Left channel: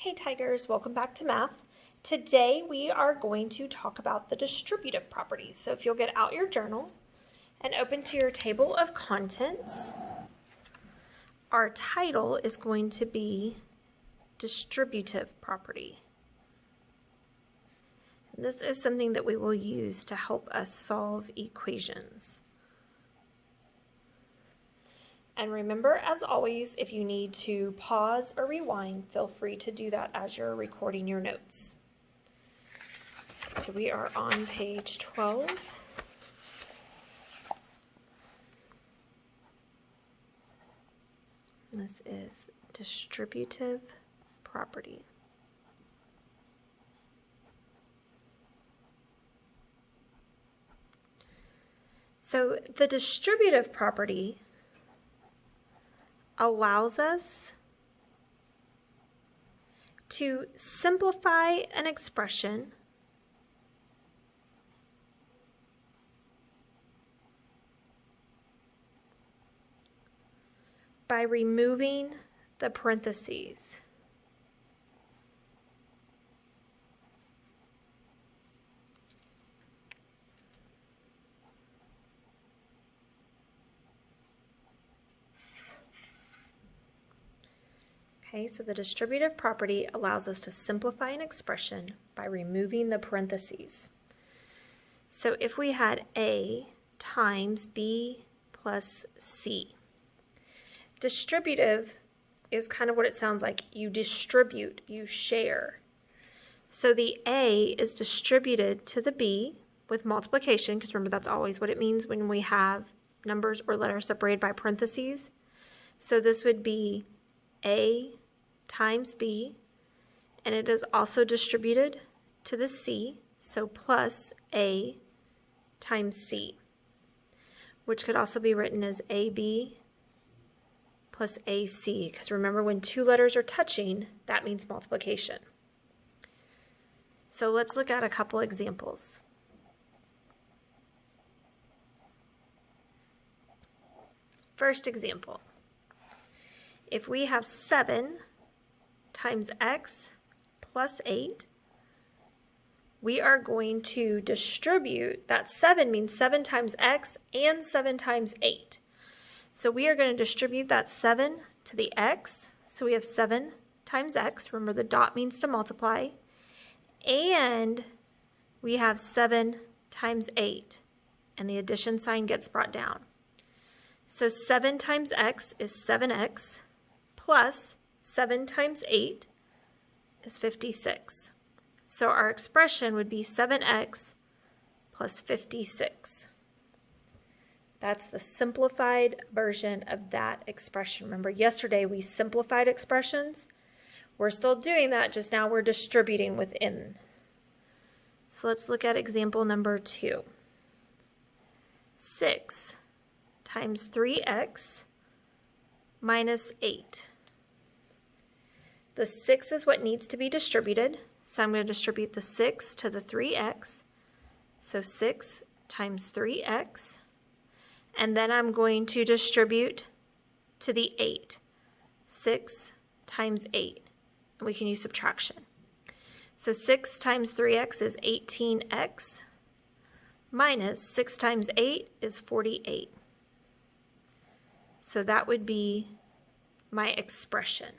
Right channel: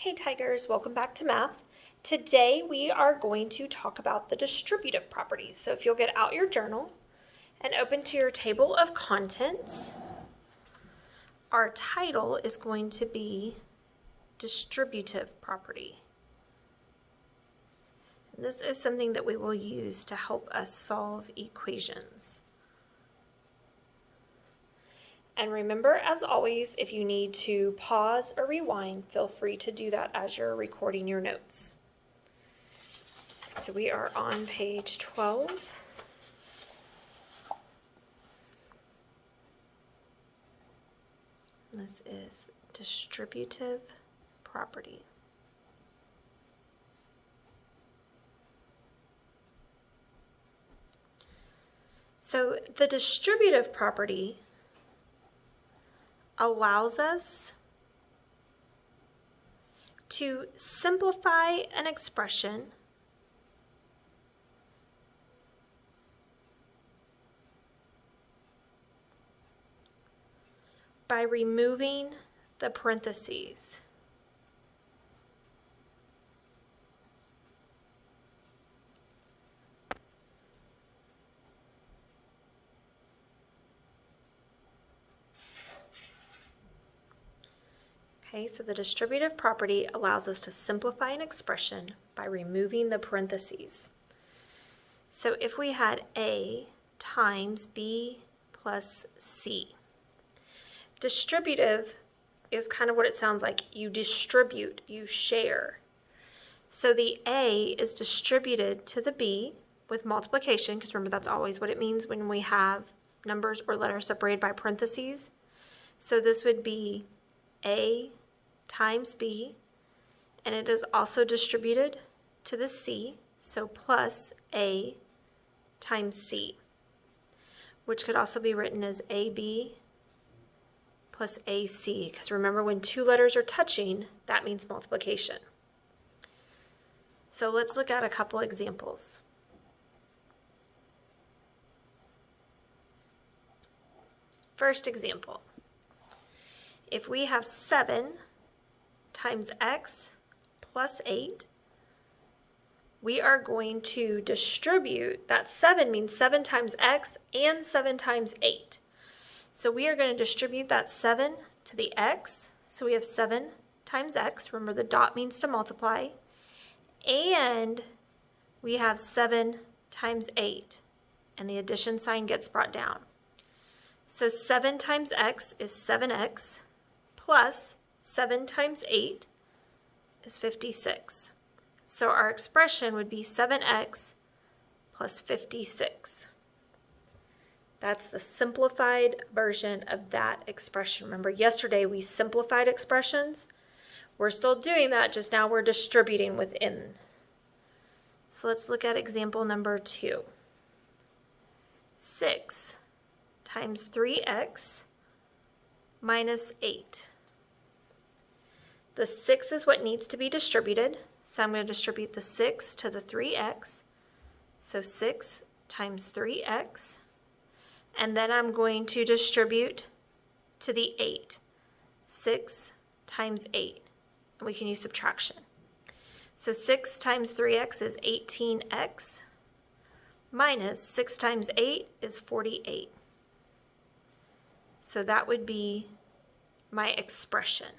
Hey Tigers, welcome back to math. Today we are going to talk about the distributive properties. So if you'll get out your journal and open to your table of contents, our title is going to be Distributive Property. And this is something that we will use to help us solve equations. And remember, as always, if you need to pause or rewind, feel free to do that as you're recording your notes. So we are on page 12. This is distributive property. So the distributive property allows us to simplify an expression by removing the parentheses. Okay, so the distributive property allows us to simplify an expression by removing the parentheses. So if we had A times B plus C, distributive is kind of what it sounds like. You distribute, you share. So the A is distributed to the B with multiplication, because remember that's always what it means when we have numbers or letters separated by parentheses. So this would be A times B, and it is also distributed to the C, so plus A times C, which could also be written as AB plus AC, because remember when two letters are touching, that means multiplication. So let's look at a couple examples. First example, if we have 7 times x plus 8, we are going to distribute, that 7 means 7 times x and 7 times 8. So we are going to distribute that 7 to the x, so we have 7 times x, remember the dot means to multiply, and we have 7 times 8, and the addition sign gets brought down. So 7 times x is 7x, plus 7 times 8 is 56. So our expression would be 7x plus 56. That's the simplified version of that expression. Remember, yesterday we simplified expressions. We're still doing that, just now we're distributing within. So let's look at example number 2. 6 times 3x minus 8. The 6 is what needs to be distributed, so I'm going to distribute the 6 to the 3x. So 6 times 3x. And then I'm going to distribute to the 8. 6 times 8. And we can use subtraction. So 6 times 3x is 18x, minus 6 times 8 is 48. So that would be my expression.